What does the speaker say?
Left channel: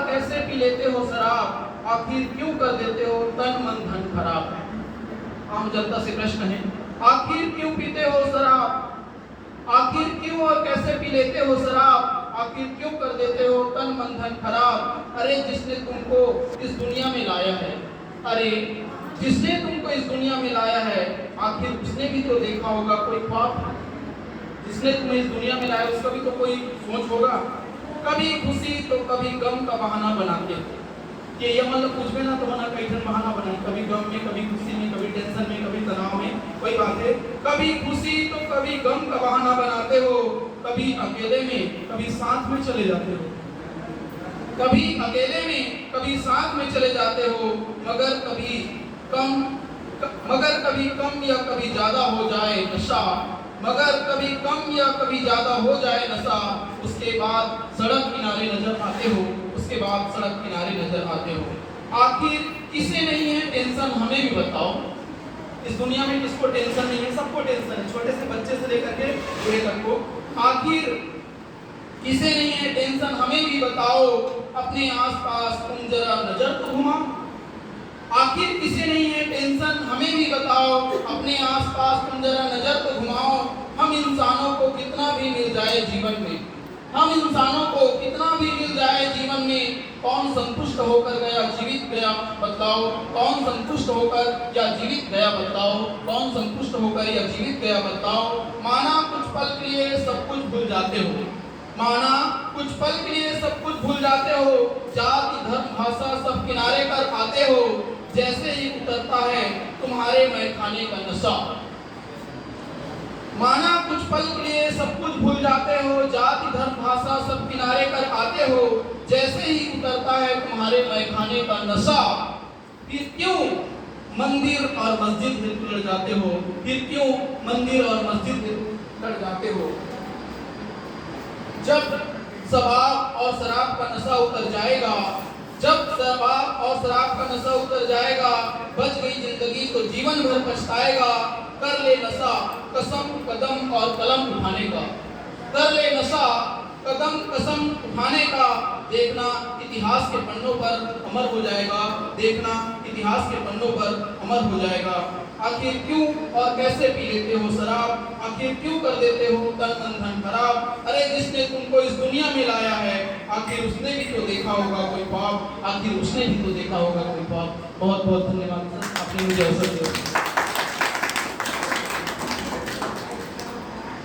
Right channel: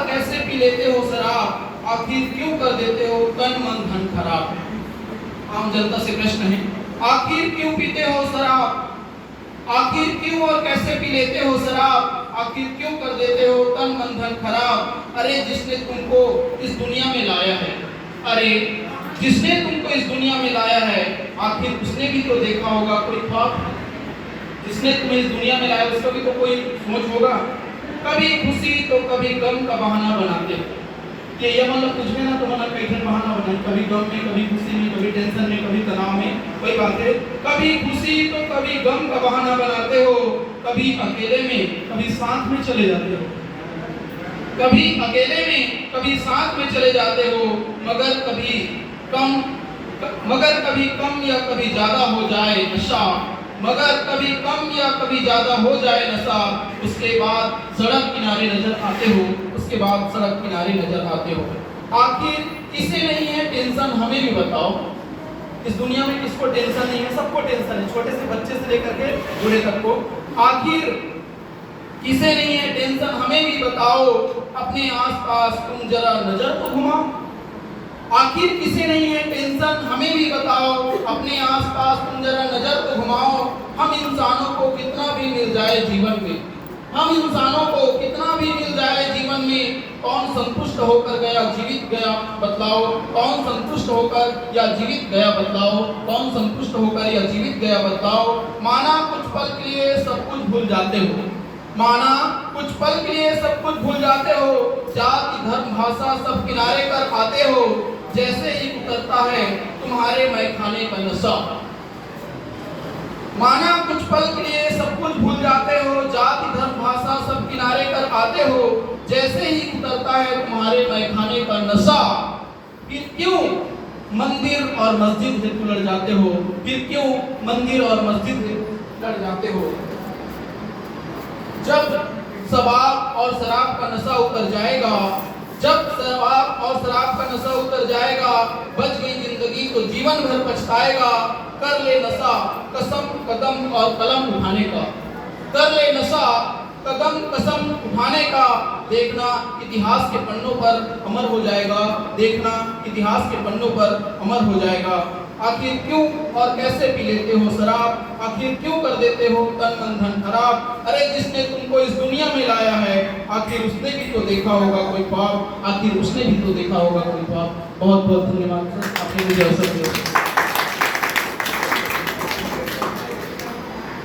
और कैसे पी लेते हो शराब, आखिर क्यों कर देते हो तन मन धन खराब। आम जनता से प्रश्न है, आखिर क्यों पीते हो शराब, आखिर क्यों और कैसे पी लेते हो शराब, आखिर क्यों कर देते हो तन मन धन खराब। अरे जिसने तुमको इस दुनिया में लाया है, अरे जिसने तुमको इस दुनिया में लाया है, आखिर उसने भी तो देखा होगा कोई ख्वाब। जिसने तुम्हें इस दुनिया में लाया उसका भी तो कोई सोच होगा। कभी खुशी तो कभी गम का बहाना बनाते हो। ये मतलब कुछ भी ना तो मना कई बहाना बनाए, कभी गम में, कभी खुशी में, कभी टेंशन में, कभी तनाव में। वही बात है, कभी खुशी तो कभी गम का बहाना बनाते हो, कभी अकेले में कभी साथ में चले जाते हो, कभी अकेले में कभी साथ में चले जाते हो। मगर कभी कम या कभी ज्यादा हो जाए नशा, मगर कभी कम या कभी ज्यादा हो जाए नशा, उसके बाद सड़क किनारे नजर आते हो, उसके बाद सड़क किनारे नजर आते हो। आखिर किसे नहीं है टेंशन, हमें भी बताओ। इस दुनिया में किसको टेंशन नहीं है? सबको टेंशन है, छोटे से बच्चे से लेकर के बूढ़े तक को। आखिर किसे नहीं है टेंशन, हमें भी बताओ। अपने आसपास तुम जरा नजर तो घुमाओ। आखिर किसे नहीं है टेंशन, हमें भी बताओ। अपने आसपास तुम जरा नजर तो घुमाओ। हम इंसानों को कितना भी मिल जाए जीवन में, हम इंसानों को कितना भी मिल जाए जीवन में, कौन संतुष्ट होकर गया जीवित गया बतलाओ। कौन संतुष्ट होकर या जीवित गया बतलाओ। कौन संतुष्ट होकर या जीवित गया बतलाओ। माना कुछ पल के लिए सब कुछ भूल जाते हो, माना कुछ पल के लिए सब कुछ भूल जाते हो। जाति धर्म भाषा सब किनारे कर आते हो, जैसे ही उतरता है तुम्हारे मैखाने का नशा। माना कुछ पल के लिए सब कुछ भूल जाते हो, जाति धर्म भाषा सब किनारे कर आते हो, जैसे ही उतरता है तुम्हारे मैखाने का नशा। फिर क्यों मंदिर और मस्जिद हेतु लड़ जाते हो, फिर क्यों मंदिर और मस्जिद हेतु लड़ जाते हो। जब शराब और शराब का नशा उतर जाएगा, जब शराब और शराब का नशा उतर जाएगा, बच गई जिंदगी तो जीवन भर पछताएगा। कर ले नशा कसम कदम और कलम उठाने का, कर ले नशा कदम कसम उठाने का। देखना इतिहास के पन्नों पर अमर हो जाएगा, देखना इतिहास के पन्नों पर अमर हो जाएगा। आखिर क्यों और कैसे पी लेते हो शराब, आखिर क्यों कर देते हो तन मन धन खराब। अरे जिसने तुमको इस दुनिया में लाया है, आखिर उसने भी तो देखा होगा कोई ख्वाब, आखिर उसने भी तो देखा होगा कोई ख्वाब। बहुत बहुत धन्यवाद सर, आपने मुझे अवसर दिया।